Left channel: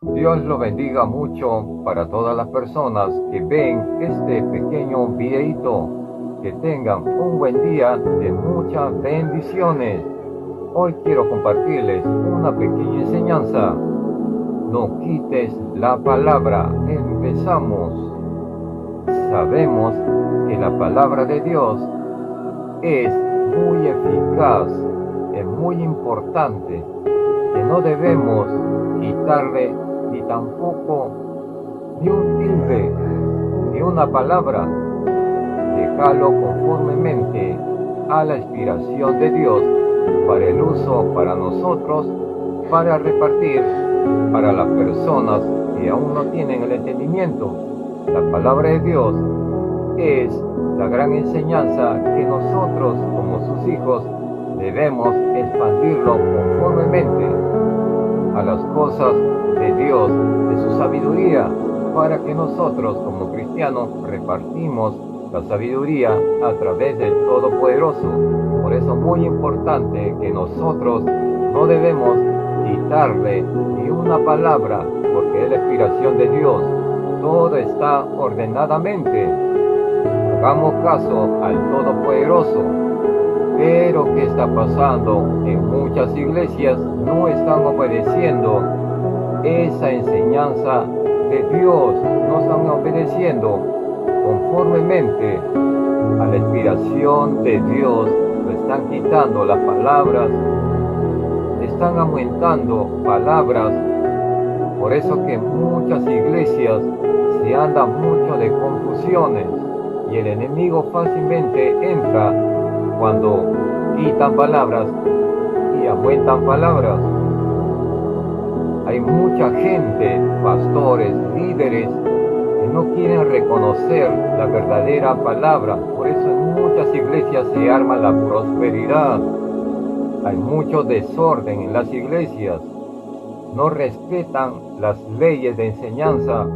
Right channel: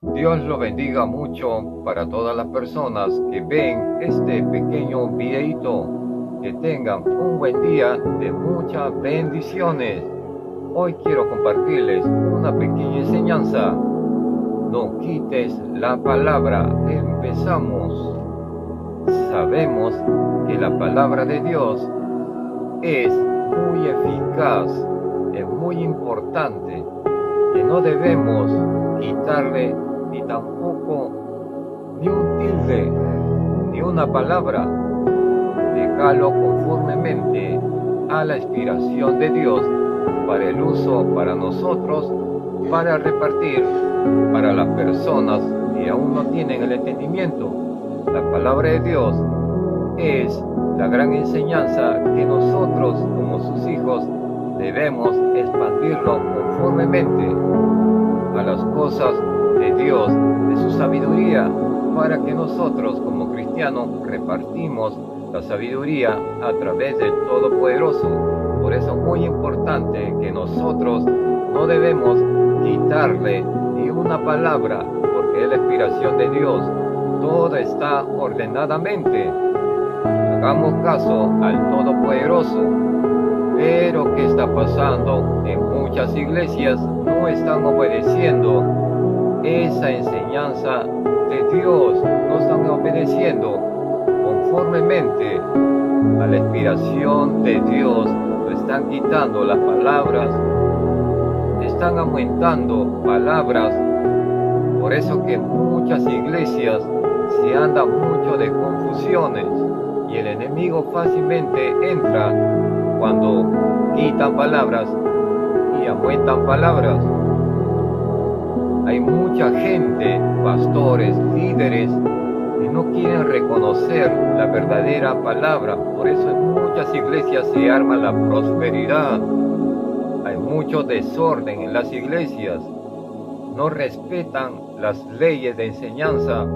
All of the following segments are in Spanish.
Dios lo bendiga mucho para todas las personas que ven este pequeño videito. Que tengan un buen día de muchas bendiciones. Hoy quiero compartirles una pequeña enseñanza. No quites la palabra. Empezamos. Sabemos que la palabra de Dios es muy eficaz, es muy importante, que no debemos quitarle ni tampoco ni un tilde, ni una palabra. Dejarlo conformemente a la inspiración de Dios para el uso para nosotros, para repartir para las personas que aún no tienen el entendimiento. La palabra de Dios es la gran enseñanza que nosotros como sus hijos debemos expandirlo conformemente a las cosas de Dios, de su sabiduría, para que nosotros como cristianos repartimos la sabiduría a través del Todopoderoso. Por eso es muy importante que nosotros no debemos quitarle ni una palabra, porque es la inspiración de Dios. Todo está ordenadamente. Hagamos caso al Todopoderoso. Pero ¿qué está pasando? En muchas iglesias no están obedeciendo esa enseñanza de Dios, no están obedeciendo conformemente a la inspiración de Dios. Le están quitando las palabras, están aumentando palabras. Por eso que muchas iglesias se andan mucho de confusiones y el enemigo fácilmente entra cuando quitan palabras y aumentan palabras. Hay mucha gente, pastores, líderes, que no quieren reconocer la verdadera palabra. Por eso en muchas iglesias se arma la prosperidad. Hay mucho desorden en las iglesias. No respetan las leyes de enseñanza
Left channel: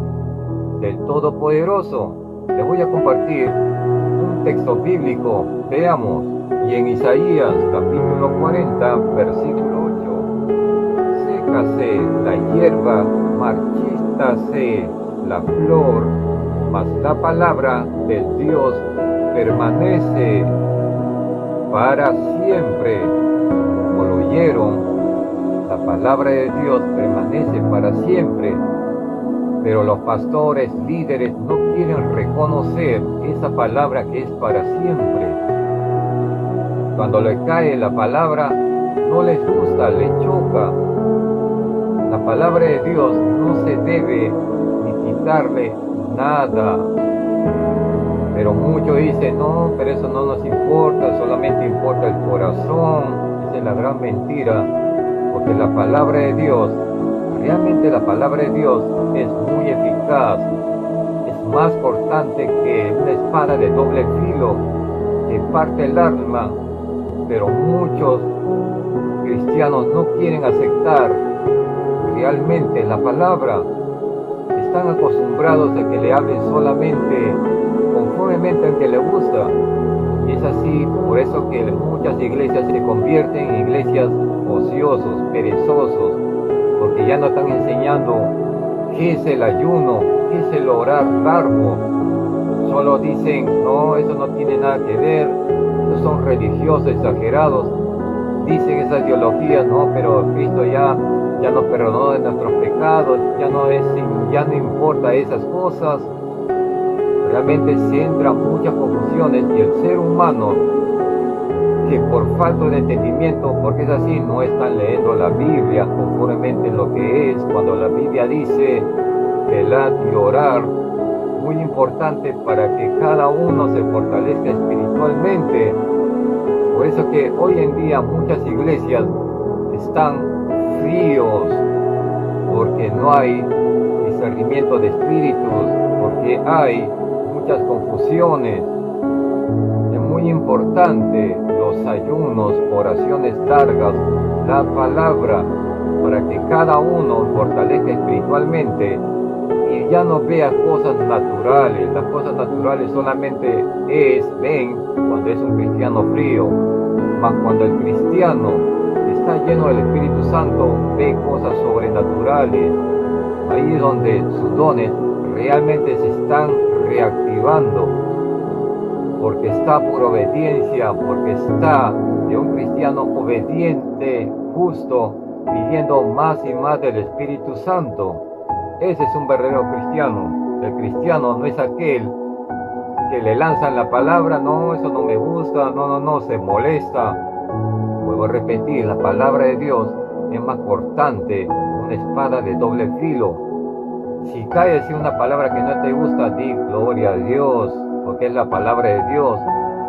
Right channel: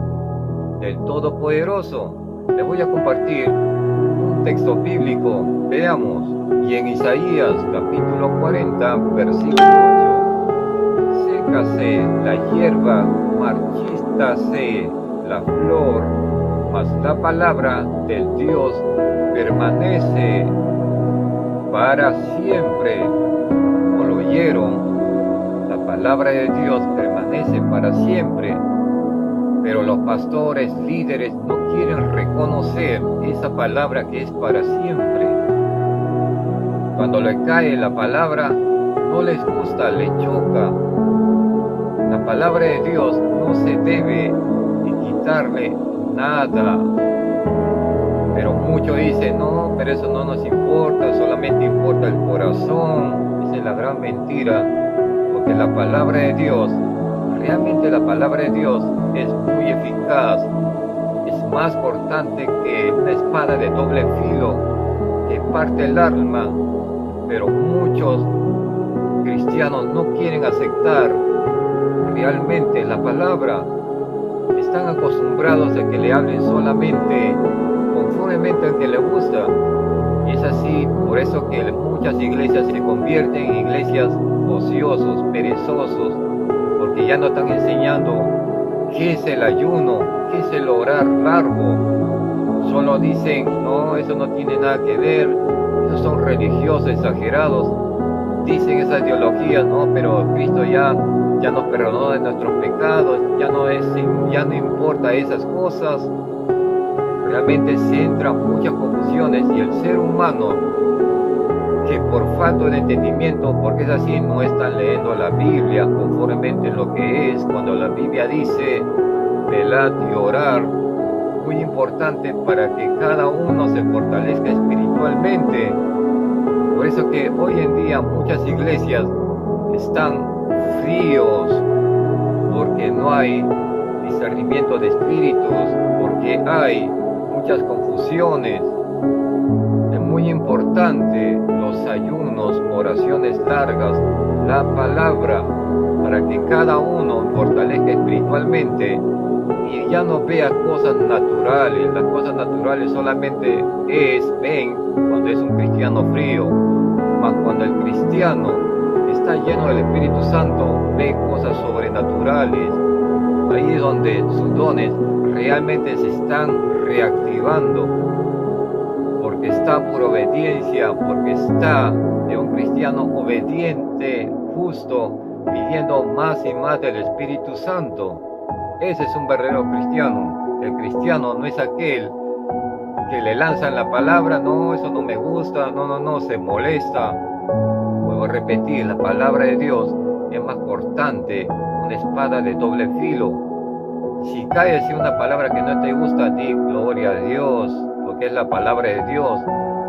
del Todopoderoso. Les voy a compartir un texto bíblico. Veamos. Y en Isaías capítulo 40, versículo 8. Sécase la hierba, marchítase la flor, mas la palabra del Dios permanece para siempre. Como lo oyeron, la palabra de Dios permanece para siempre. Pero los pastores, líderes, no quieren reconocer esa palabra que es para siempre. Cuando le cae la palabra, no les gusta, les choca. La palabra de Dios no se debe ni quitarle nada. Pero muchos dicen, no, pero eso no nos importa, solamente importa el corazón. Esa es la gran mentira, porque la palabra de Dios, realmente la palabra de Dios es muy eficaz. Es más cortante que una espada de doble filo que parte el alma. Pero muchos cristianos no quieren aceptar realmente la palabra. Están acostumbrados a que le hablen solamente conformemente al que le gusta. Y es así, por eso que muchas iglesias se convierten en iglesias ociosos, perezosos, porque ya no están enseñando qué es el ayuno, qué es el orar largo. Solo dicen, no, eso no tiene nada que ver, esos son religiosos exagerados. Dicen esas ideologías, no, pero Cristo ya nos perdonó de nuestros pecados, ya no importa esas cosas. Realmente se entran muchas confusiones y el ser humano, que por falta de entendimiento, porque es así, no están leyendo la Biblia conformemente lo que es. Cuando la Biblia dice velad y orar, muy importante para que cada uno se fortalezca espiritualmente. Por eso que hoy en día muchas iglesias están fríos, porque no hay discernimiento de espíritus, porque hay muchas confusiones. Es muy importante los ayunos, oraciones largas, la palabra, para que cada uno fortalezca espiritualmente y ya no vea cosas naturales. Las cosas naturales solamente ven cuando es un cristiano frío, mas cuando el cristiano está lleno del Espíritu Santo, ve cosas sobrenaturales. ahí es donde sus dones realmente se están reactivando, porque está por obediencia, porque está de un cristiano obediente, justo, pidiendo más y más del Espíritu Santo. Ese es un verdadero cristiano. El cristiano no es aquel que le lanzan la palabra, no, eso no me gusta, no, se molesta. Vuelvo a repetir, la palabra de Dios es más cortante, una espada de doble filo. Si cae así una palabra que no te gusta, di gloria a Dios, porque es la palabra de Dios,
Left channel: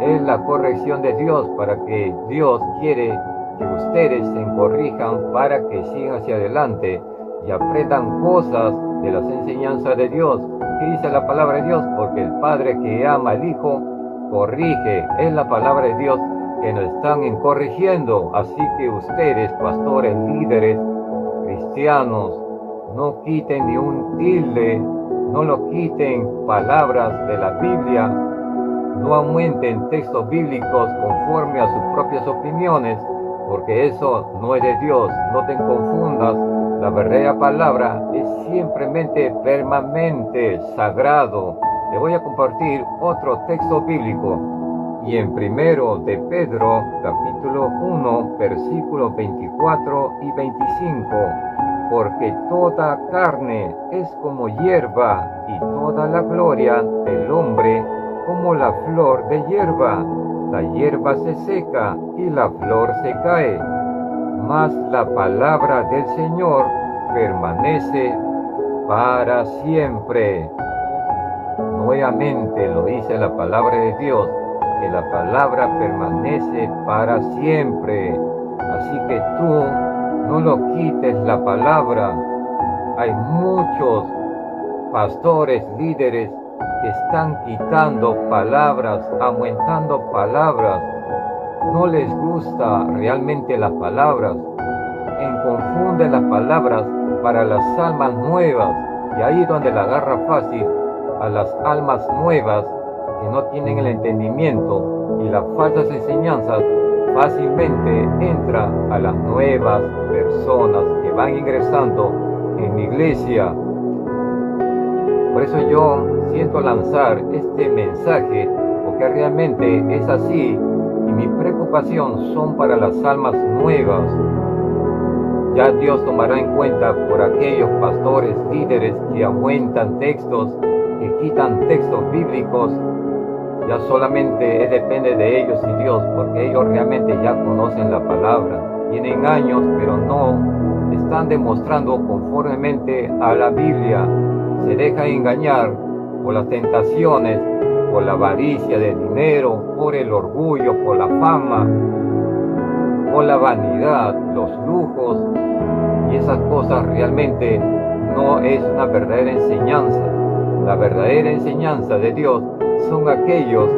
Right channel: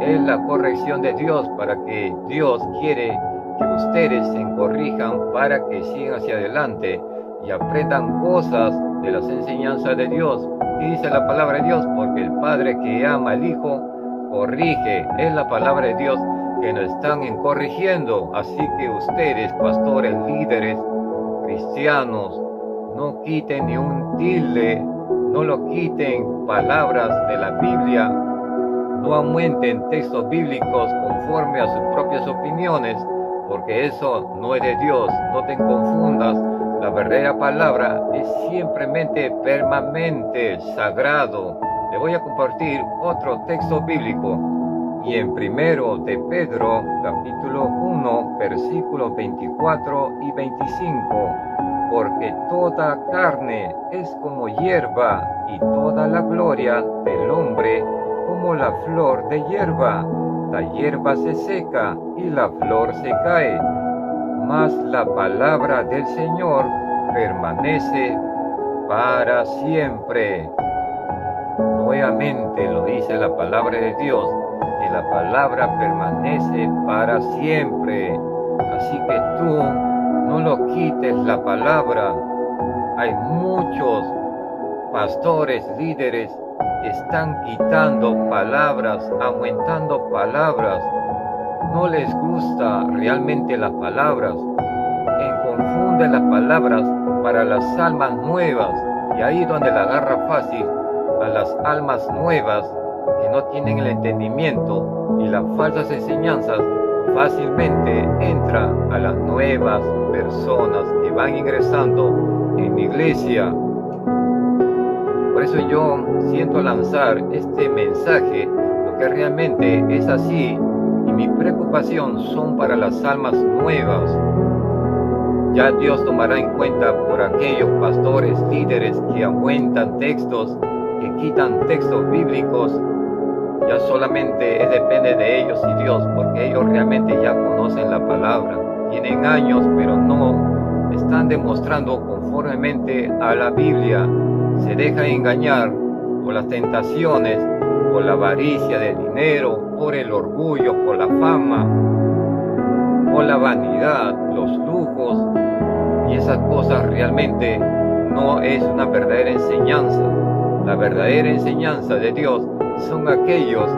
es la corrección de Dios, para que Dios quiere que ustedes se corrijan para que sigan hacia adelante y aprendan cosas de las enseñanzas de Dios. ¿Qué dice la palabra de Dios? Porque el Padre que ama al Hijo corrige. Es la palabra de Dios que nos están corrigiendo. Así que ustedes, pastores, líderes, cristianos, no quiten ni un tilde, no lo quiten palabras de la Biblia, no aumenten textos bíblicos conforme a sus propias opiniones, porque eso no es de Dios. No te confundas, la verdadera palabra es simplemente permanente, sagrado. Le voy a compartir otro texto bíblico. Y en 1 de Pedro, capítulo 1, versículos 24 y 25. Porque toda carne es como hierba, y toda la gloria del hombre como la flor de hierba. La hierba se seca y la flor se cae, mas la palabra del Señor permanece para siempre. Nuevamente lo dice la palabra de Dios, que la palabra permanece para siempre. Así que tú no lo quites la palabra. Hay muchos pastores, líderes que están quitando palabras, aumentando palabras. No les gusta realmente las palabras. Confunden las palabras para las almas nuevas. Y ahí es donde la agarra fácil a las almas nuevas que no tienen el entendimiento, y las falsas enseñanzas fácilmente entra a las nuevas personas que van ingresando en mi iglesia. Por eso yo siento lanzar este mensaje, porque realmente es así, y mi preocupación son para las almas nuevas. Ya Dios tomará en cuenta por aquellos pastores, líderes que aumentan textos, que quitan textos bíblicos. Ya solamente depende de ellos y Dios, porque ellos realmente ya conocen la palabra. Tienen años, pero no están demostrando conformemente a la Biblia. Se dejan engañar por las tentaciones, por la avaricia del dinero, por el orgullo, por la fama, por la vanidad, los lujos. Y esas cosas realmente no es una verdadera enseñanza. La verdadera enseñanza de Dios son aquellos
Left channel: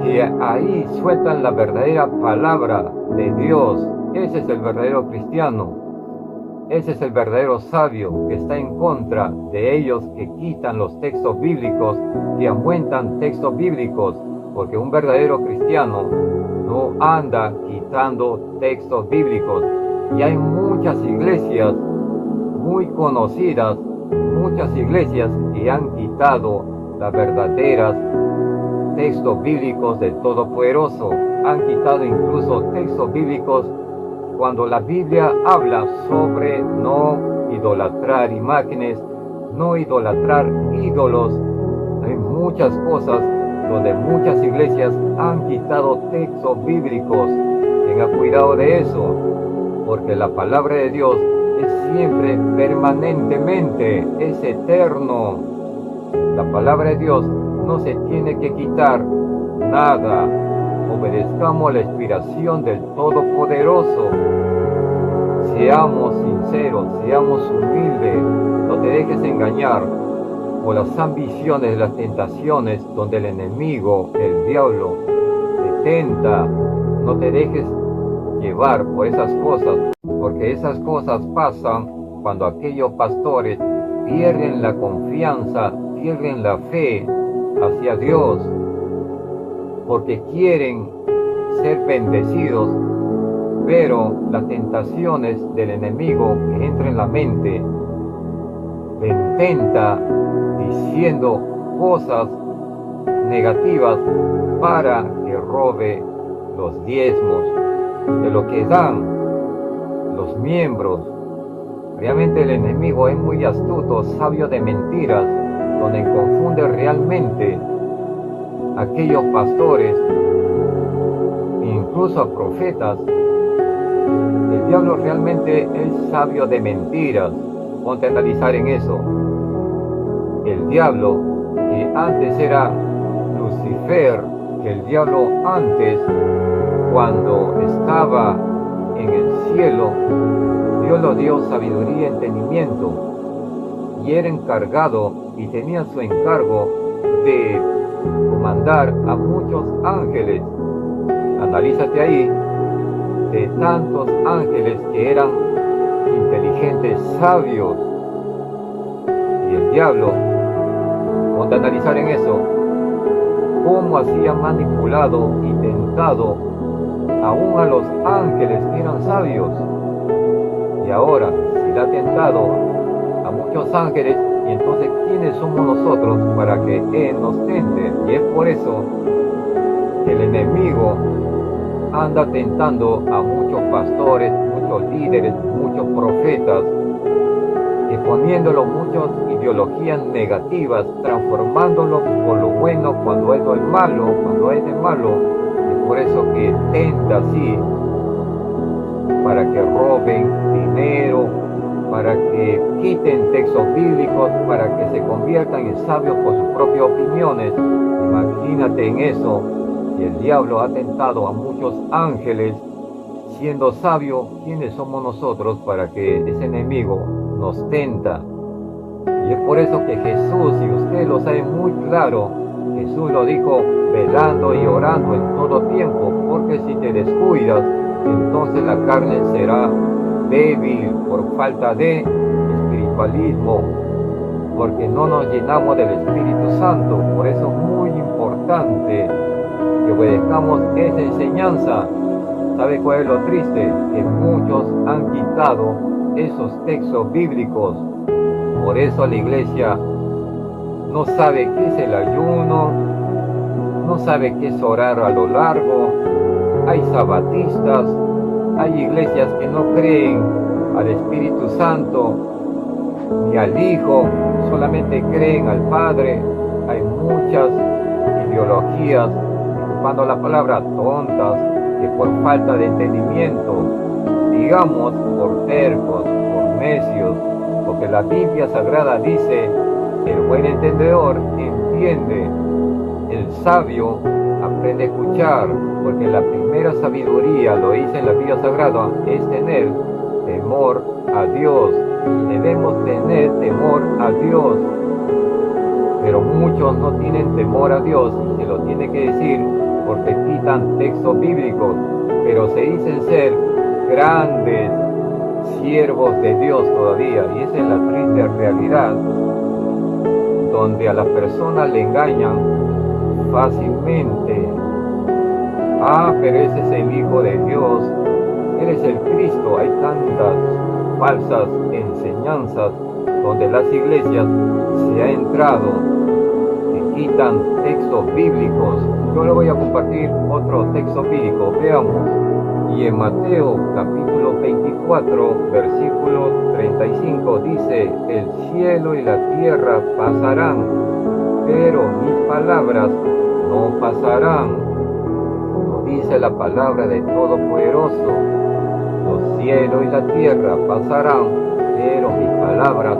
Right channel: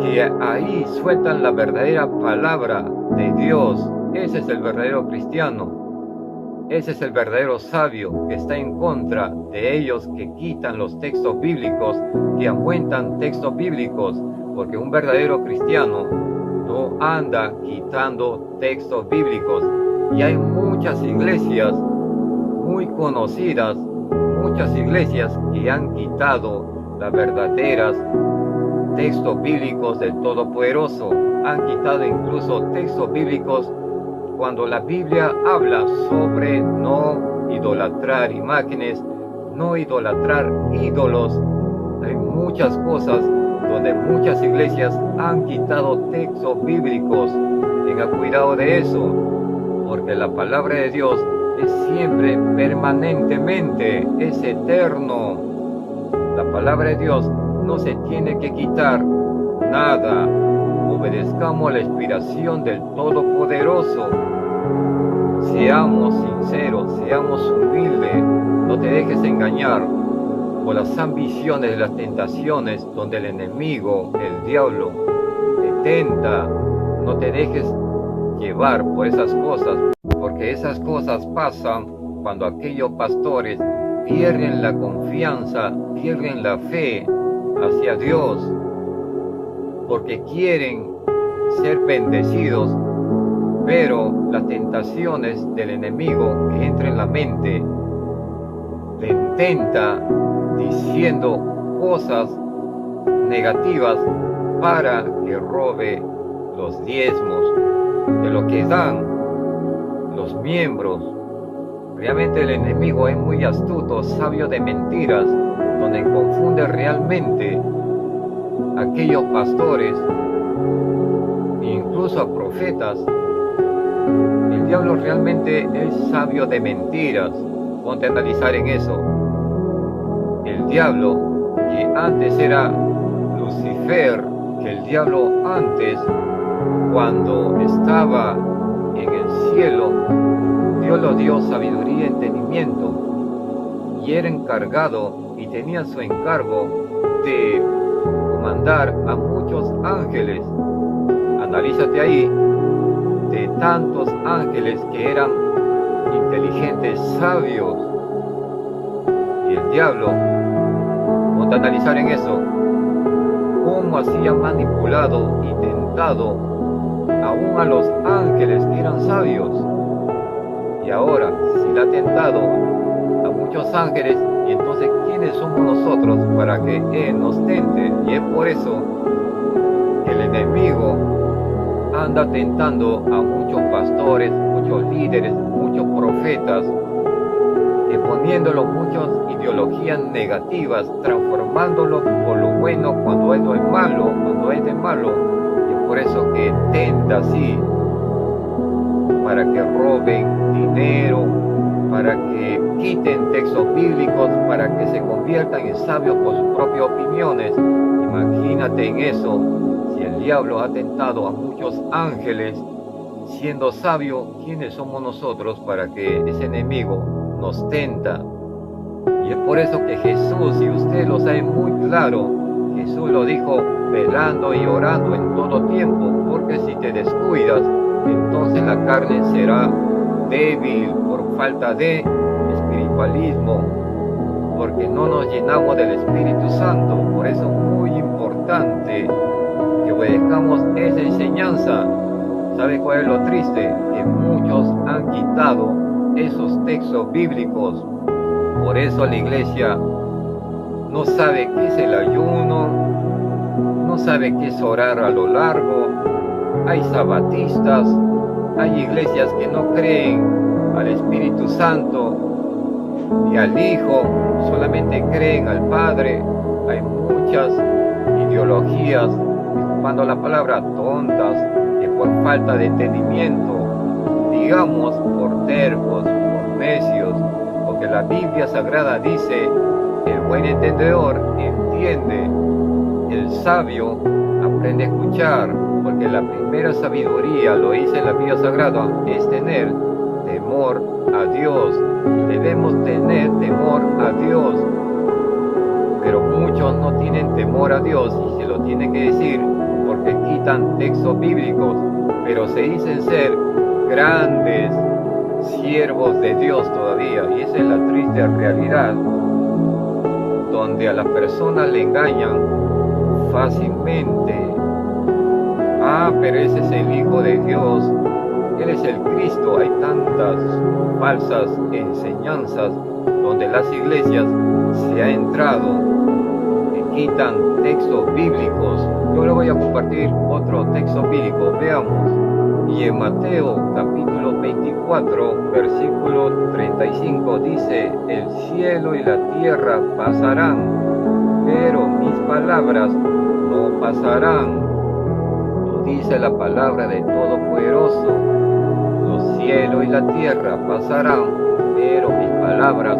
que ahí sueltan la verdadera palabra de Dios. Ese es el verdadero cristiano. Ese es el verdadero sabio, que está en contra de ellos que quitan los textos bíblicos, que aumentan textos bíblicos, porque un verdadero cristiano no anda quitando textos bíblicos. Y hay muchas iglesias muy conocidas, muchas iglesias que han quitado las verdaderas textos bíblicos del Todopoderoso. Han quitado incluso textos bíblicos cuando la Biblia habla sobre no idolatrar imágenes, no idolatrar ídolos. Hay muchas cosas donde muchas iglesias han quitado textos bíblicos. Tenga cuidado de eso, porque la palabra de Dios es siempre, permanentemente, es eterno. La palabra de Dios no se tiene que quitar nada. Obedezcamos la inspiración del Todopoderoso. Seamos sinceros, seamos humildes. No te dejes engañar por las ambiciones de las tentaciones donde el enemigo, el diablo, te tenta. No te dejes llevar por esas cosas, porque esas cosas pasan cuando aquellos pastores pierden la confianza, pierden la fe hacia Dios, porque quieren ser bendecidos, pero las tentaciones del enemigo que entran en la mente le intenta diciendo cosas negativas para que robe los diezmos de lo que dan los miembros. Realmente el enemigo es muy astuto, sabio de mentiras, donde confunde realmente a aquellos pastores, incluso a profetas. El diablo realmente es sabio de mentiras. Ponte a analizar en eso. El diablo, que antes era Lucifer, que el diablo antes, cuando estaba en el cielo, Dios le dio sabiduría y entendimiento, y era encargado y tenía su encargo de comandar a muchos ángeles. Analízate ahí, de tantos ángeles que eran inteligentes, sabios. Y el diablo, ponte a analizar en eso, cómo hacía manipulado y tentado aún a los ángeles que eran sabios. Y ahora, si le ha tentado a muchos ángeles, y entonces ¿quiénes somos nosotros para que Él nos tente? Y es por eso que el enemigo anda tentando a muchos pastores, muchos líderes, muchos profetas, que poniéndolo muchas ideologías negativas, transformándolo por lo bueno cuando esto es malo, cuando es de malo. Y es por eso que tenta así, para que roben dinero, para que quiten textos bíblicos, para que se conviertan en sabios por sus propias opiniones. Imagínate en eso, si el diablo ha tentado a muchos ángeles, siendo sabio, ¿quiénes somos nosotros para que ese enemigo nos tenta? Y es por eso que Jesús, y usted lo sabe muy claro, Jesús lo dijo velando y orando en todo tiempo, porque si te descuidas, entonces la carne será débil por falta de espiritualismo, porque no nos llenamos del Espíritu Santo. Por eso es muy importante que obedezcamos esa enseñanza. ¿Sabe cuál es lo triste? Que muchos han quitado esos textos bíblicos. Por eso la iglesia no sabe qué es el ayuno, no sabe qué es orar a lo largo. Hay sabatistas, hay iglesias que no creen al Espíritu Santo ni al Hijo, solamente creen al Padre. Hay muchas ideologías, disculpando la palabra, tontas, que por falta de entendimiento, digamos por tercos, por necios, porque la Biblia Sagrada dice, el buen entendedor entiende, el sabio aprende a escuchar, porque la primera sabiduría, lo dice en la Biblia Sagrada, es tener temor a Dios. Debemos tener temor a Dios, pero muchos no tienen temor a Dios, y se lo tiene que decir porque quitan textos bíblicos, pero se dicen ser grandes siervos de Dios todavía, y esa es la triste realidad, donde a las personas le engañan fácilmente. Pero ese es el Hijo de Dios, Él es el Cristo. Hay tantas falsas enseñanzas donde las iglesias se ha entrado y quitan textos bíblicos. Yo le voy a compartir otro texto bíblico, veamos. Y en Mateo capítulo 24, versículo 35 dice, el cielo y la tierra pasarán, pero mis palabras no pasarán. Lo dice la palabra de Todopoderoso. Los cielos y la tierra pasarán, pero mis palabras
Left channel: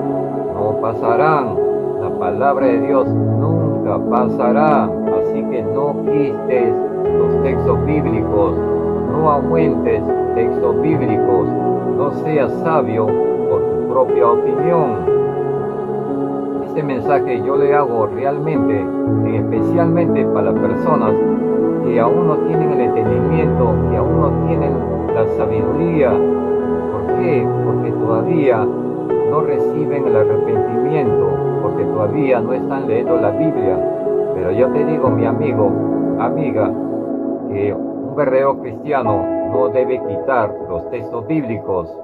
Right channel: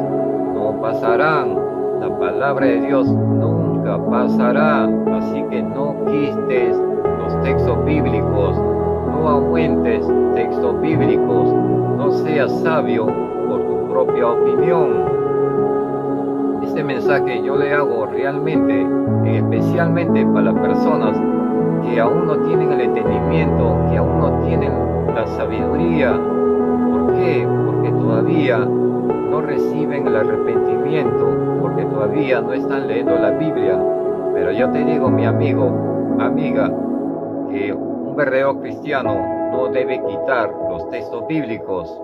no pasarán. La palabra de Dios nunca pasará. Así que no quites los textos bíblicos, no aumentes textos bíblicos, no seas sabio por tu propia opinión. Este mensaje yo le hago realmente, especialmente para las personas que aún no tienen el entendimiento, que aún no tienen la sabiduría. ¿Por qué? Porque todavía no reciben el arrepentimiento, porque todavía no están leyendo la Biblia. Pero yo te digo, mi amigo, amiga, que un verdadero cristiano no debe quitar los textos bíblicos.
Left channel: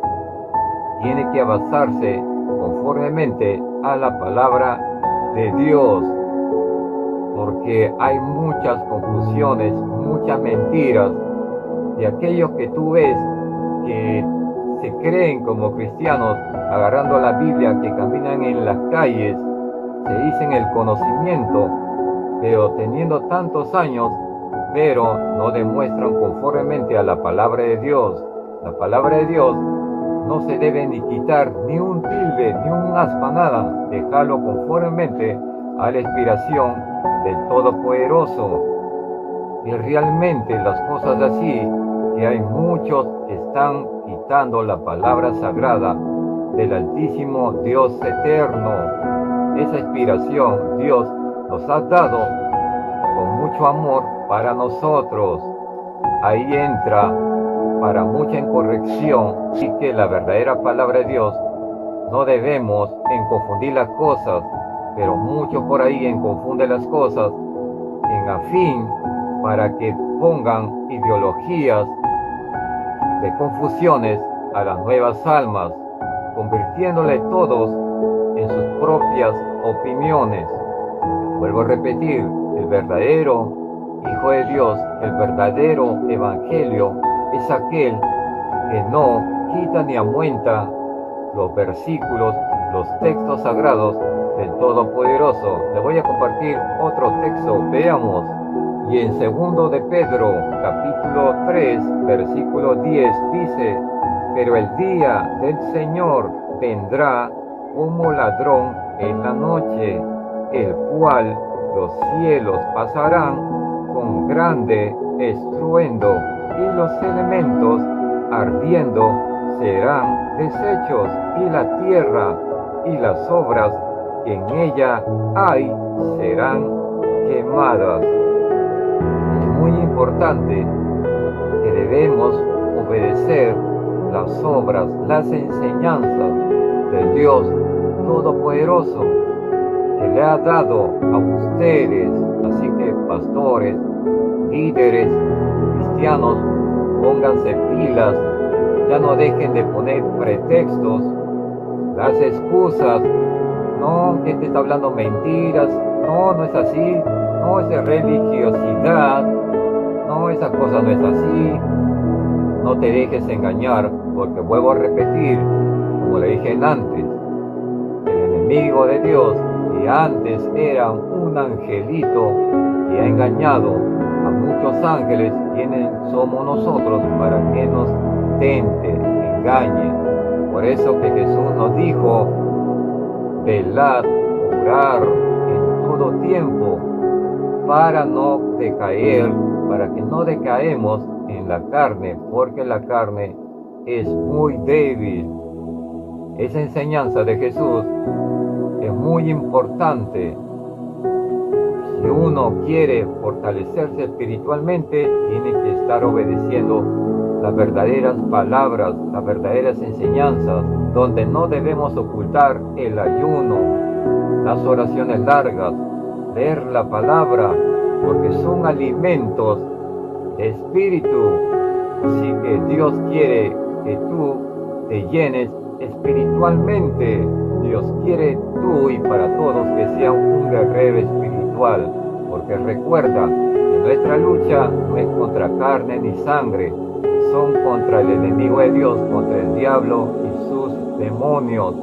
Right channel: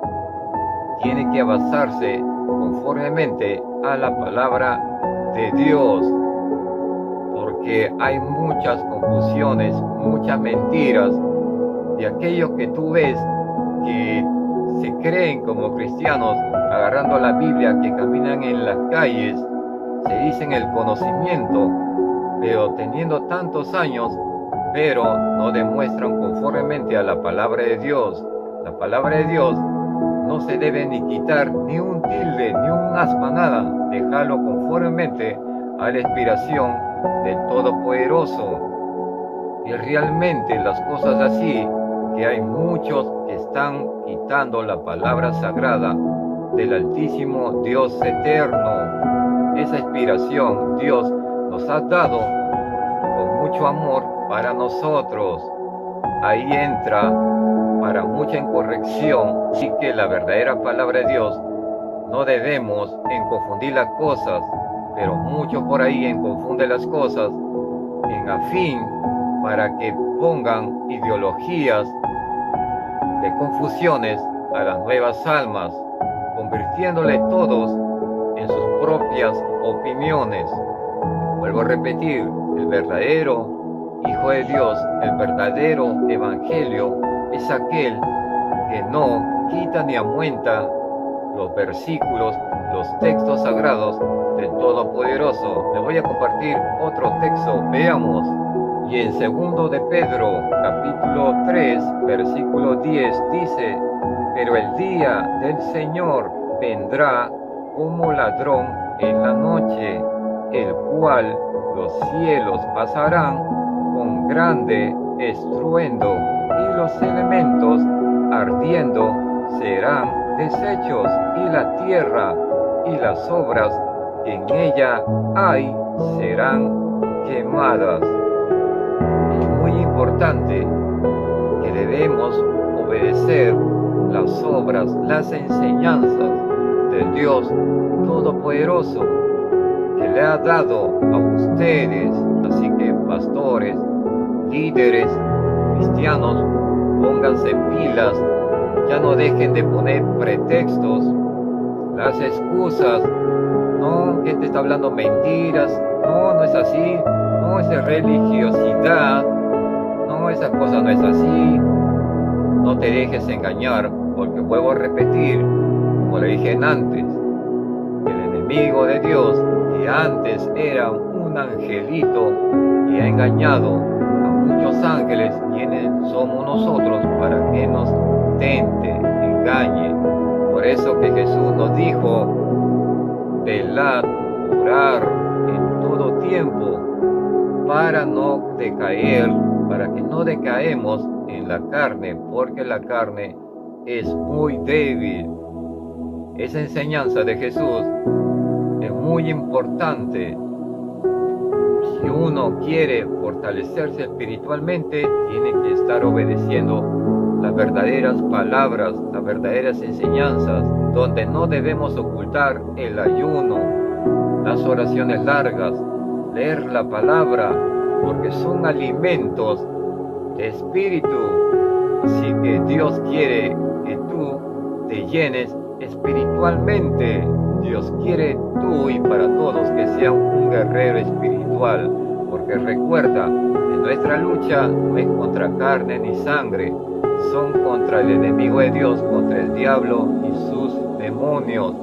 Tiene que basarse conformemente a la palabra de Dios, porque hay muchas confusiones, muchas mentiras de aquellos que tú ves que se creen como cristianos, agarrando la Biblia, que caminan en las calles, se dicen el conocimiento, pero teniendo tantos años, pero no demuestran conformemente a la palabra de Dios. La palabra de Dios no se debe ni quitar ni un tilde, ni un aspa, nada. Dejarlo conformemente a la inspiración del Todopoderoso. Y realmente las cosas así, que hay muchos que están quitando la palabra sagrada del Altísimo Dios eterno. Esa inspiración Dios nos ha dado con mucho amor para nosotros. Ahí entra para mucha incorrección, y que la verdadera palabra de Dios no debemos en confundir las cosas, pero muchos por ahí en confunden las cosas en afín para que pongan ideologías de confusiones a las nuevas almas, convirtiéndole todos en sus propias opiniones. Vuelvo a repetir, el verdadero Hijo de Dios, el verdadero Evangelio, es aquel que no quita ni aumenta los versículos, los textos sagrados del Todopoderoso. Le voy a compartir otro texto, veamos. Y en 2 de Pedro, capítulo 3, versículo 10, dice: pero el día del Señor vendrá como ladrón en la noche, el cual los cielos pasarán con grande estruendo, y los elementos ardiendo serán deshechos, y la tierra y las obras que en ella hay serán quemadas. Es muy importante que debemos obedecer las obras, las enseñanzas del Dios Todopoderoso, que le ha dado a ustedes. Así que pastores, líderes, cristianos, pónganse pilas, ya no dejen de poner pretextos, las excusas. No, que te está hablando mentiras, no es así, no es de religiosidad, no, esa cosa no es así. No te dejes engañar, porque vuelvo a repetir, como le dije antes, el enemigo de Dios, que antes era un angelito, que ha engañado a muchos ángeles, quienes somos nosotros para que nos tente, engañe. Por eso que Jesús nos dijo: velad, orar en todo tiempo, para no decaer, para que no decaemos en la carne, porque la carne es muy débil. Esa enseñanza de Jesús es muy importante. Si uno quiere fortalecerse espiritualmente, tiene que estar obedeciendo las verdaderas palabras, las verdaderas enseñanzas, donde no debemos ocultar el ayuno, las oraciones largas, leer la palabra, porque son alimentos de espíritu. Así que Dios quiere que tú te llenes espiritualmente. Dios quiere tú y para todos que sea un guerrero espiritual, porque recuerda que nuestra lucha no es contra carne ni sangre, son contra el enemigo de Dios, contra el diablo y sus demonios,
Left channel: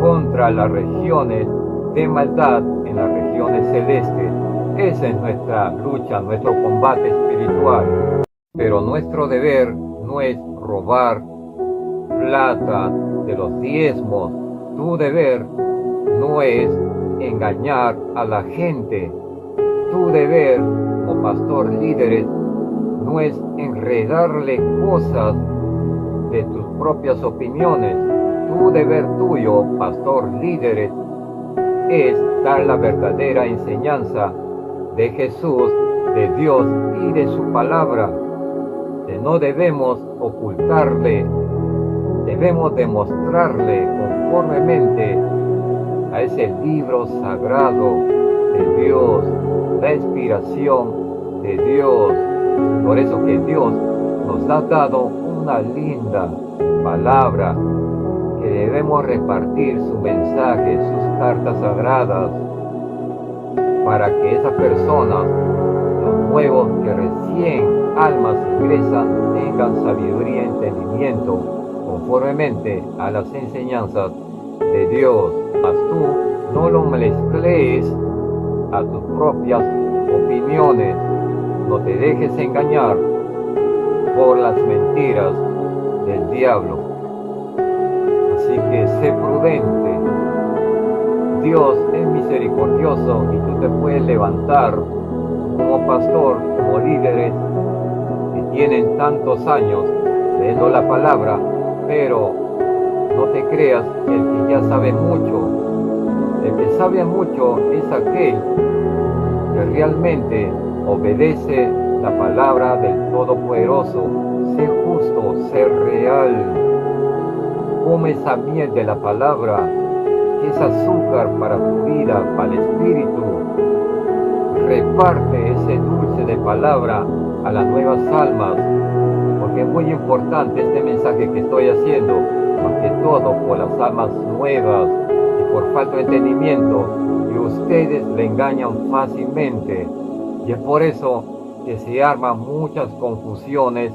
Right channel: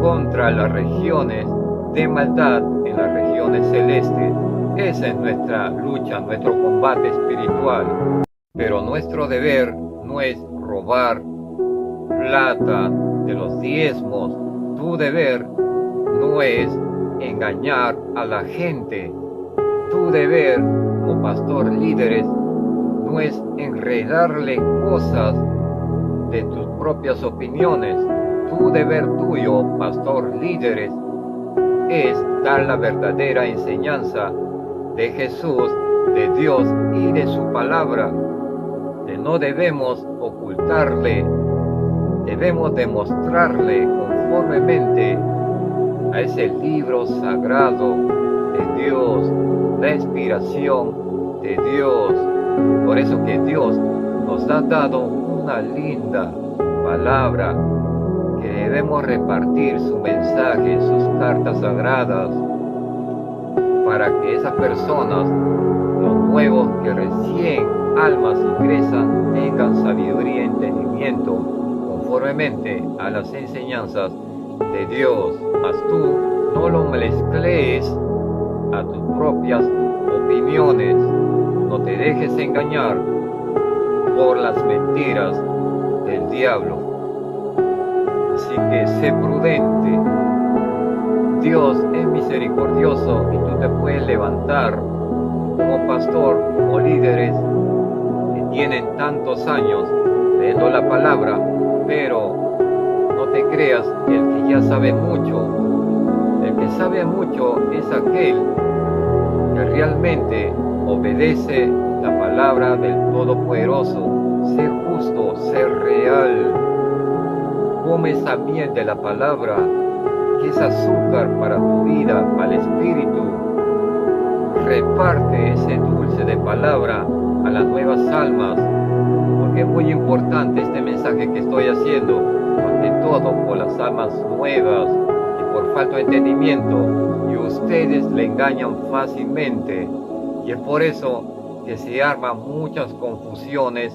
contra las regiones de maldad en las regiones celestes. Esa es nuestra lucha, nuestro combate espiritual. Pero nuestro deber no es robar plata de los diezmos. Tu deber no es engañar a la gente. Tu deber como pastor, líderes, no es enredarle cosas de tus propias opiniones. Tu deber tuyo, pastor, líderes, es dar la verdadera enseñanza de Jesús, de Dios y de su palabra. Que no debemos ocultarle, debemos demostrarle conformemente a ese libro sagrado de Dios, la inspiración de Dios. Por eso que Dios nos ha dado una linda palabra que debemos repartir su mensaje, sus cartas sagradas, para que esas personas, los nuevos que recién almas ingresan, tengan sabiduría y entendimiento conformemente a las enseñanzas de Dios. Mas tú no lo mezcles a tus propias opiniones. No te dejes engañar por las mentiras del diablo. Así que sé prudente. Dios es misericordioso y tú te puedes levantar como pastor, como líderes que tienen tantos años leyendo la palabra, pero no te creas el que ya sabe mucho. El que sabe mucho es aquel que realmente obedece la palabra del Todopoderoso. Sé justo, sé real. Come esa miel de la palabra, que es azúcar para tu vida, para el espíritu. Reparte ese dulce de palabra a las nuevas almas, porque es muy importante este mensaje que estoy haciendo, más que todo por las almas nuevas y por falta de entendimiento, y ustedes le engañan fácilmente, y es por eso que se arman muchas confusiones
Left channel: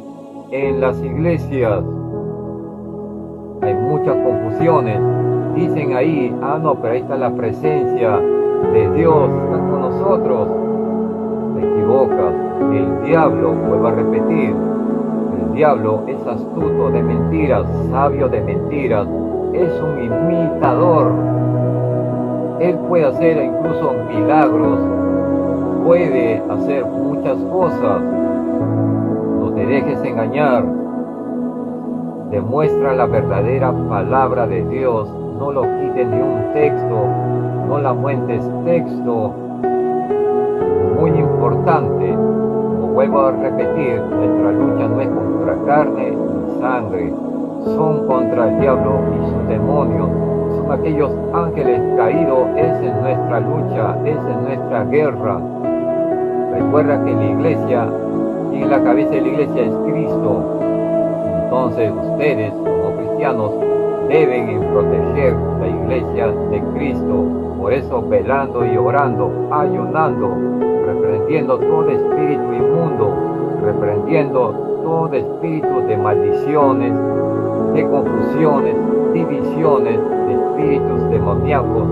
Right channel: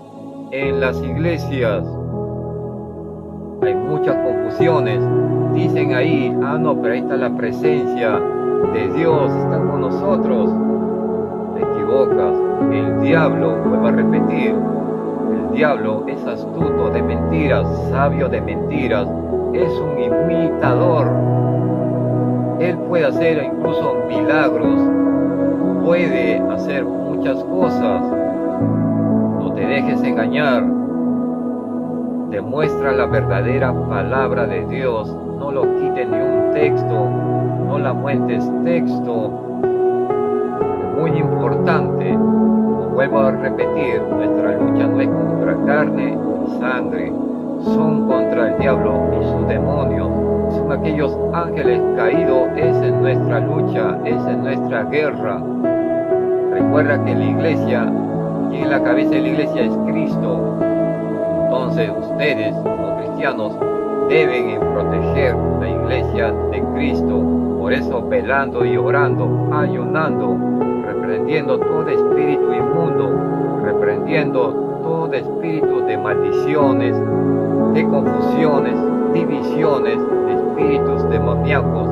en las iglesias. Hay muchas confusiones. Dicen ahí, no, pero ahí está la presencia de Dios, está con nosotros. Te equivocas. El diablo, vuelvo a repetir, el diablo es astuto de mentiras, sabio de mentiras, es un imitador. Él puede hacer incluso milagros, puede hacer muchas cosas. No te dejes engañar. Demuestra la verdadera palabra de Dios. No lo quites ni un texto, no la muentes texto. Es muy importante. Como vuelvo a repetir, nuestra lucha no es contra carne ni sangre, son contra el diablo y sus demonios. Son aquellos ángeles caídos. Esa es nuestra lucha, esa es nuestra guerra. Recuerda que en la iglesia, quien es la cabeza de la iglesia es Cristo. Entonces ustedes, como cristianos, deben proteger la iglesia de Cristo. Por eso velando y orando, ayunando, reprendiendo todo espíritu inmundo, reprendiendo todo espíritu de maldiciones, de confusiones, divisiones, de espíritus demoníacos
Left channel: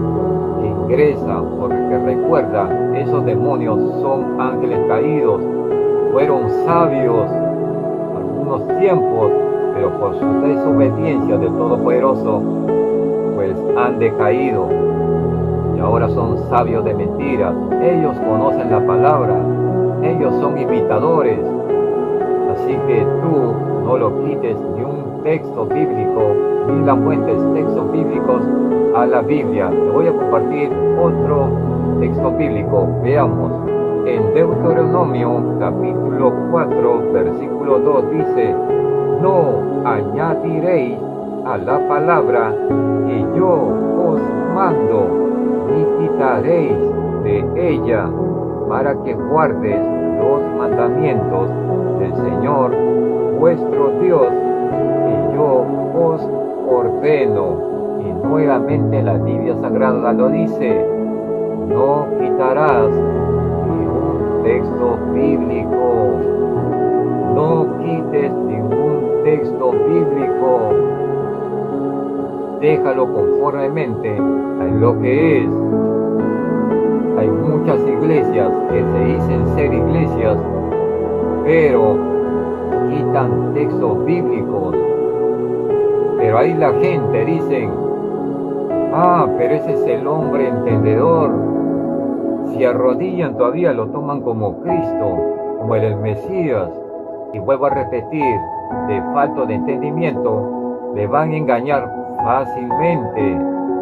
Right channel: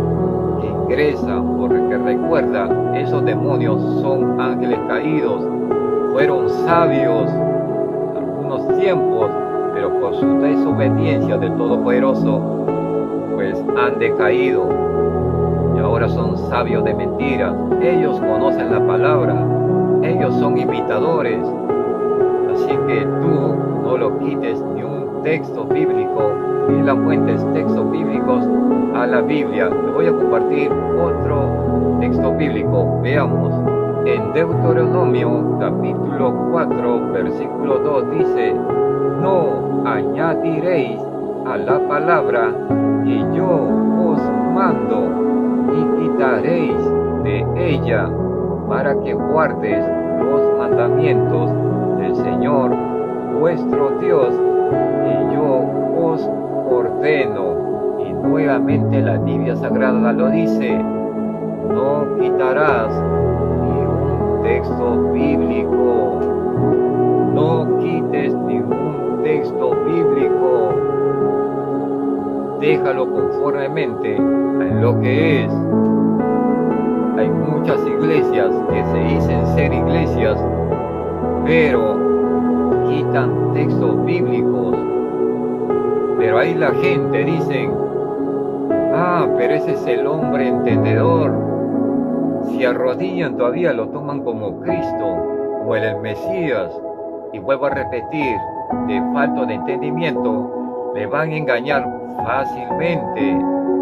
que ingresan, porque recuerda, esos demonios son ángeles caídos, fueron sabios algunos tiempos, pero por su desobediencia del Todopoderoso, pues han decaído y ahora son sabios de mentiras. Ellos conocen la palabra, ellos son imitadores. Así que tú no lo quites ni un texto bíblico, ni la fuentes textos bíblicos a la Biblia. Te voy a compartir otro texto bíblico. Veamos. En Deuteronomio capítulo 4, versículo 2 dice: no añadiréis a la palabra que yo os mando, ni quitaréis de ella, para que guardes los mandamientos del Señor vuestro Dios, que yo os ordeno. Y nuevamente la Biblia Sagrada lo dice: no quitarás ni un texto bíblico. No quites ningún texto bíblico. Déjalo conformemente a lo que es. Hay muchas iglesias que se dicen ser iglesias, pero quitan textos bíblicos. Pero ahí la gente dicen: pero ese es el hombre entendedor. Si arrodillan todavía lo toman como Cristo, como el Mesías. Y vuelvo a repetir, de falta de entendimiento, le van a engañar fácilmente.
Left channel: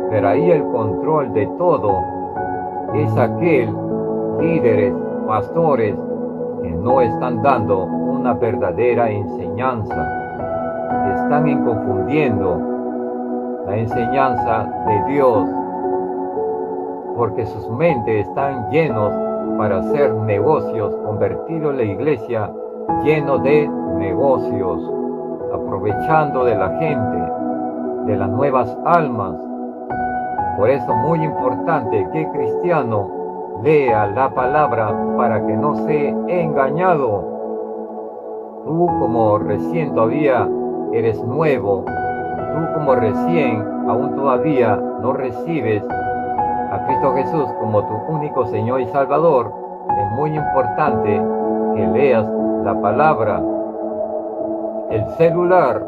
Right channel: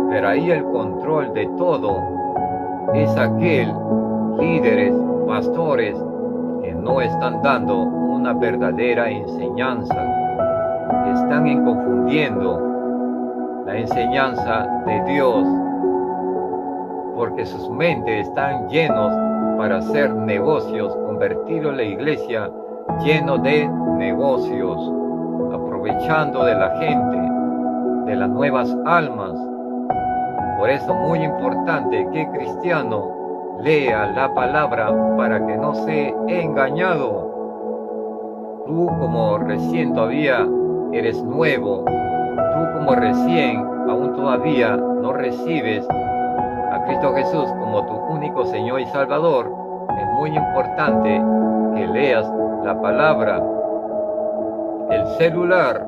Pero ahí el control de todo es aquel líderes, pastores, que no están dando una verdadera enseñanza. Están confundiendo la enseñanza de Dios, porque sus mentes están llenos para hacer negocios, convertido la iglesia lleno de negocios, aprovechando de la gente. de las nuevas almas. Por eso muy importante que el cristiano lea la palabra para que no sea engañado. Tú como recién todavía eres nuevo, tú como recién aún todavía no recibes a Cristo Jesús como tu único Señor y Salvador, es muy importante que leas la palabra. El celular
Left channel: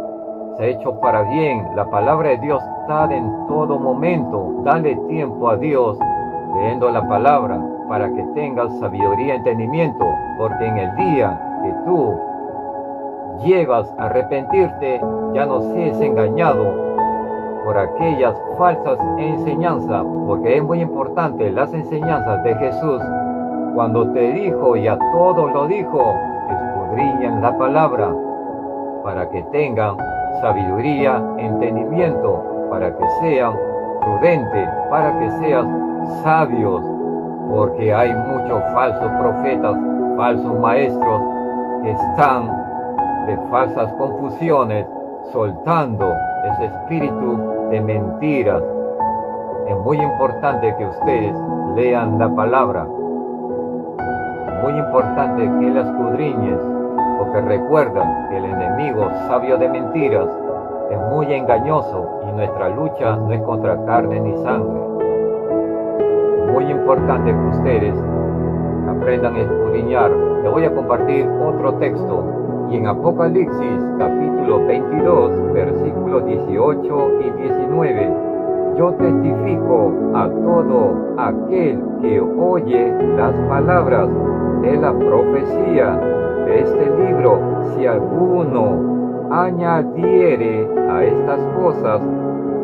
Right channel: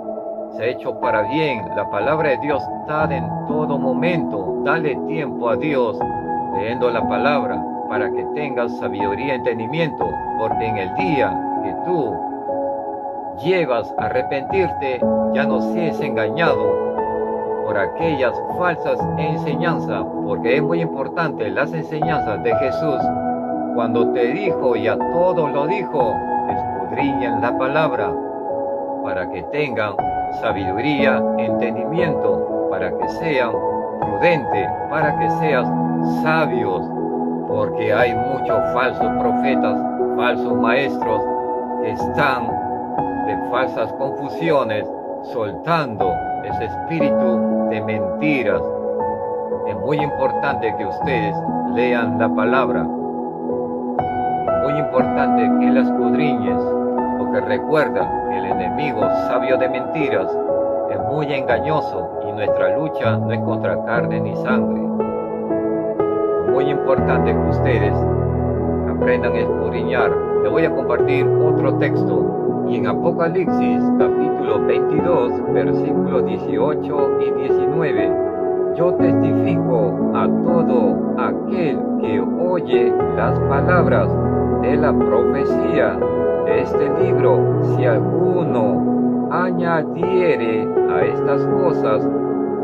se ha hecho para bien, la palabra de Dios está en todo momento. Dale tiempo a Dios leyendo la palabra para que tengas sabiduría y entendimiento, porque en el día que tú llegas a arrepentirte, ya no seas engañado por aquellas falsas enseñanzas, porque es muy importante las enseñanzas de Jesús. Cuando te dijo y a todos lo dijo, escudriñen la palabra para que tengan sabiduría, entendimiento, para que sean prudentes, para que seas sabios, porque hay muchos falsos profetas, falsos maestros que están de falsas confusiones, soltando ese espíritu de mentiras. Es muy importante que ustedes lean la palabra. Es muy importante que la escudriñes, porque recuerda que el enemigo sabio de mentiras es muy engañoso y nuestra lucha no es contra carne ni sangre. Es muy importante que ustedes aprendan a escudriñar. Les voy a compartir otro texto. Y en Apocalipsis capítulo 22, versículos 18 y 19, yo testifico a todo aquel que oye las palabras de la profecía de este libro, si alguno añadiere a estas cosas,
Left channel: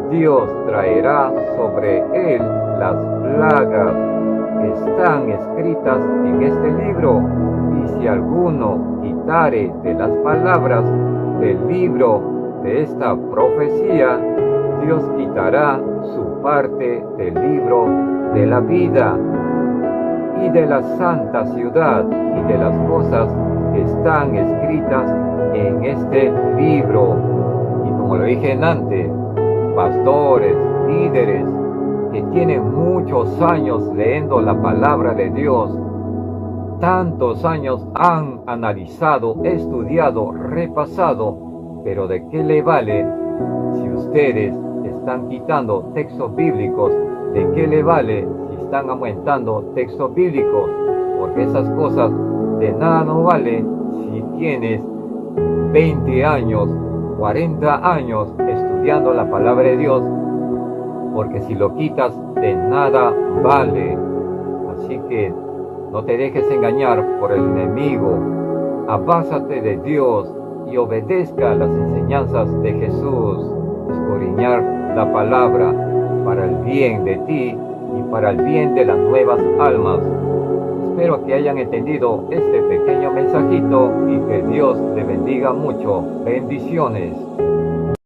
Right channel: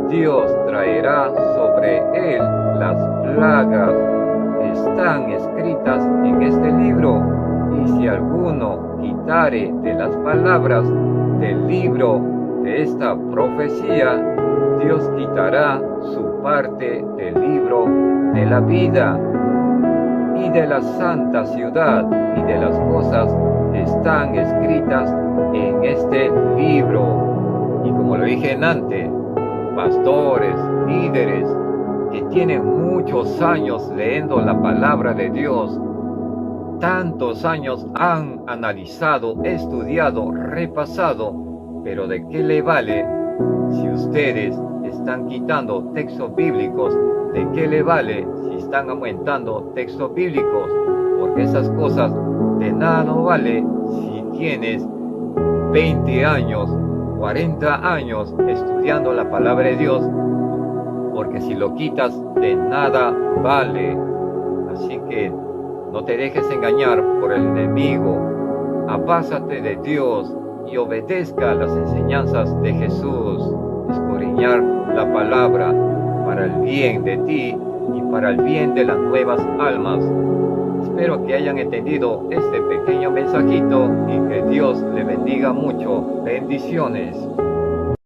Dios traerá sobre él las plagas que están escritas en este libro. Y si alguno quitare de las palabras del libro de esta profecía, Dios quitará su parte del libro de la vida y de la santa ciudad y de las cosas que están escritas en este libro. Y como lo dije antes, pastores, líderes que tienen muchos años leyendo la palabra de Dios, tantos años han analizado, estudiado, repasado, pero ¿de qué le vale si ustedes están quitando textos bíblicos? ¿De qué le vale si están aumentando textos bíblicos? Porque esas cosas de nada no vale si tienes 20 años, 40 años estudiando la palabra de Dios, porque si lo quitas de nada vale. Así que no te dejes engañar por el enemigo. Abásate de Dios y obedezca las enseñanzas de Jesús. Escudriñar la palabra para el bien de ti y para el bien de las nuevas almas. Espero que hayan entendido este pequeño mensajito y que Dios le bendiga mucho. Bendiciones.